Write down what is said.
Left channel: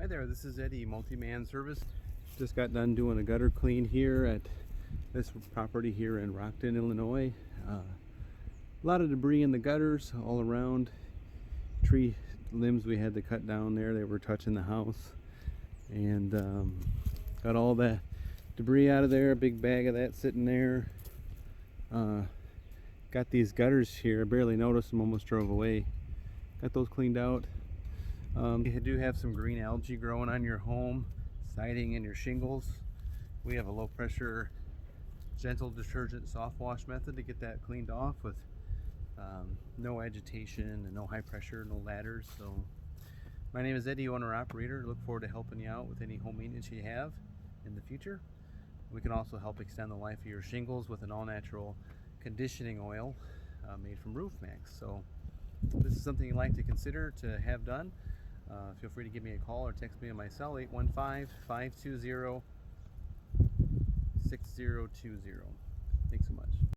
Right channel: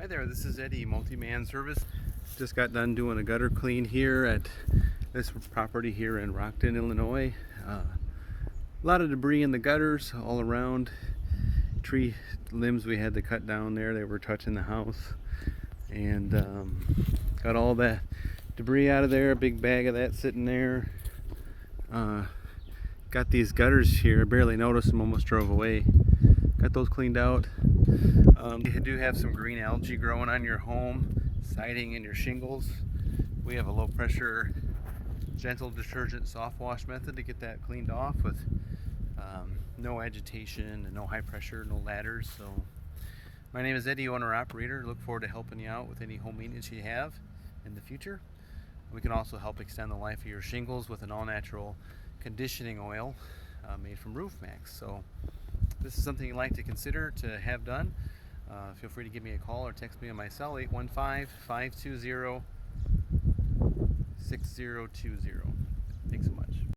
Hi there, this is Eddie, Multi-Man Service. Just got done doing a gutter clean here at this property here in Rockton, Illinois. A lot of debris in the gutters all around. Tree limbs we had to cut down there, they were touching the house. And got all that debris out of there, a big bag of that sitting there. Got these gutters here, I barely noticed them, almost drove away. Got those cleaned out. You do have some green algae growing on your home, siding and your shingles. We have a low pressure, gentle detergent soft wash method to get that cleaned off with no agitation and no high pressure, no ladders. So my name is Eddie, owner operator. Look forward to helping you out with any home maintenance you have in the future. We can also help extend the life of your shingles with an all-natural conditioning oil made from Roof Max. So if this is something you'd like to consider to have done, feel free to give me a call or text me on my cell, 815-520-6020. Thanks so much.